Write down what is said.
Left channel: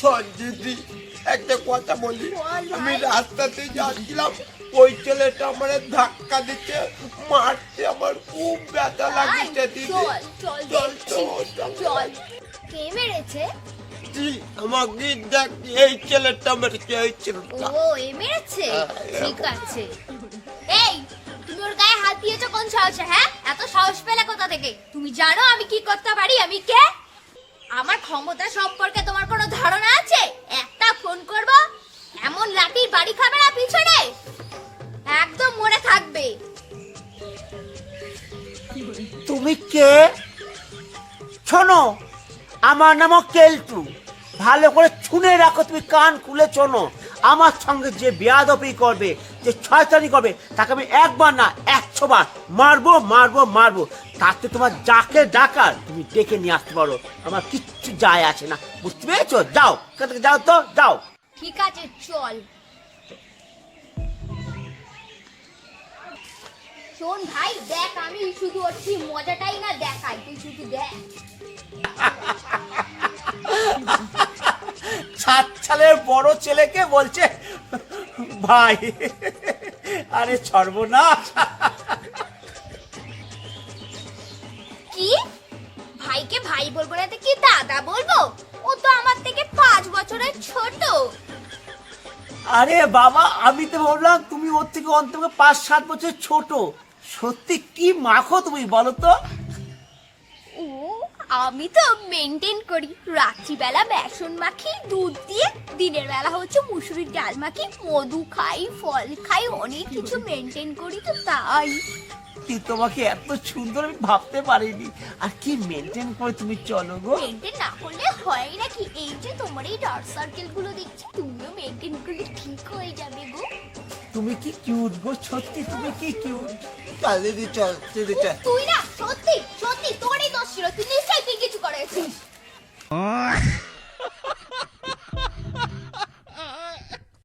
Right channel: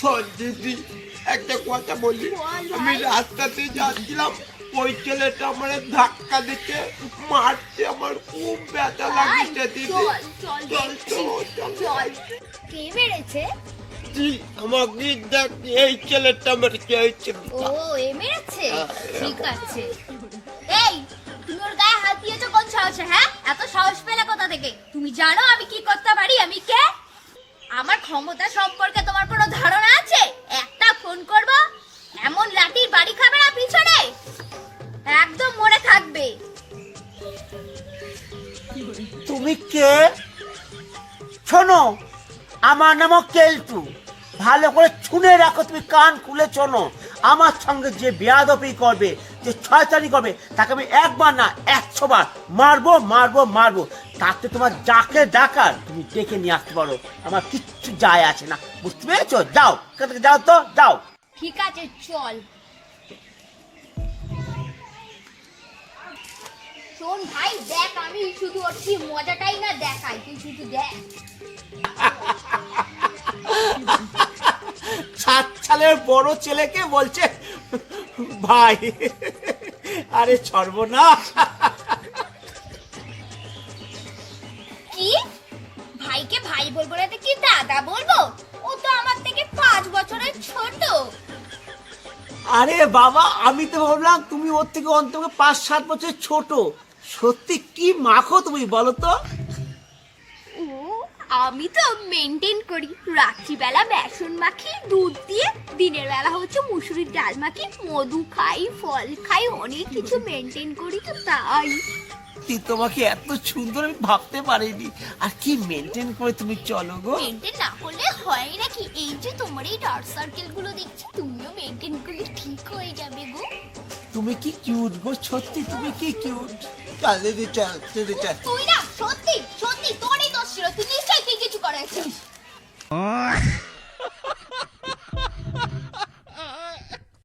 শোন দিদি, একটা কথা বলি। আমি রাস্তাতে যাচ্ছিলাম, ওই ছেলেটা আমার ধাক্কা দিচ্ছে, মারছে, আমার খুব ব্যথা লাগছে দিদি। চল চল। কে মেরেছে? আমাকে দেখ, এই ছেলেটা মেরেছে, এই ছেলেটা। ও এ মেরেছে, ঠিক আছে। এই তুমি ওর গায়ে হাত দিয়েছো কোন সাহসে? হ্যাঁ, এত সাহস পেলে কোথা থেকে? তুমি জানো আমি কি করতে পারি? আমি কে? আমার ক্ষমতা সম্পর্কে তোমার কোনো ধারণা আছে? একটা ফোন করব, এমন লাঠির বাড়ি খাবে না পিছনে, একদম মনে থাকবে। তুমি কে? শোনো, আমার নাম কেলটু। ভালো করে শুনে রাখো, তুমি কান খুলে শোনো। আমার সঙ্গে যে বেয়াদবি করবে, যে শয়তানি করবে, তাকে আমি একবার না 100 বার মারবো মারবো মারবো। তাতে তোমার যাকে ডাকার তুমি ডেকে নিয়ে আসতে পারো, আমার কিচ্ছু যায় আসে না। বুঝতে পেরেছো? যাও, এখান থেকে যাও তো, যাও। ঠিক আছে চল। শোন ভাই, দেখ আমি শুধু ওর কি মজাটাই না দেখাই, তুই শুধু দেখ। 7 সালের বড় ছেলেকে বলছে ভাই। আরে সর্বনাশ। কি ভাইকে ভাই বলবো না তো কি দাদা বলবো? ও তো আমার থেকে 5 বছরের ছোট। আরে বাবা, আমি তো ভাবলাম তুমি ওর থেকে অন্তত 5-7 বছর ছোট। সত্যি কি মাখো তুমি, বলো তো? ও আমি তো মেনটেন করি, রাত্রিবেলা বেসন মাখি দুধ দিয়ে, দিনের বেলা হচ্ছে মুসুরির ডাল মাখি, মধু খাই, ফল খাই, অনেক কিছু মেনটেন করি তো তাই। তোমাকে এত সুন্দর আমি ভাবতে পারিনি। আর কি মেনটেন করে তুমি চলো গো। মেনটেন না করলে হয় নাকি? এই যে তোমার এই ডার্ক সার্কেল গুলো দেখছি, তুমিও মেনটেন করলে ঠিক হয়ে যাবে গো। তুমি কি কিউট গো, সত্যি তুমি কি কিউট। চল দিদি, চল দিদি, চল। তুই না সত্যি সত্যি তোরই দোষ ছিল, তুই নিশ্চয়ই তুই কিছু করেছিস।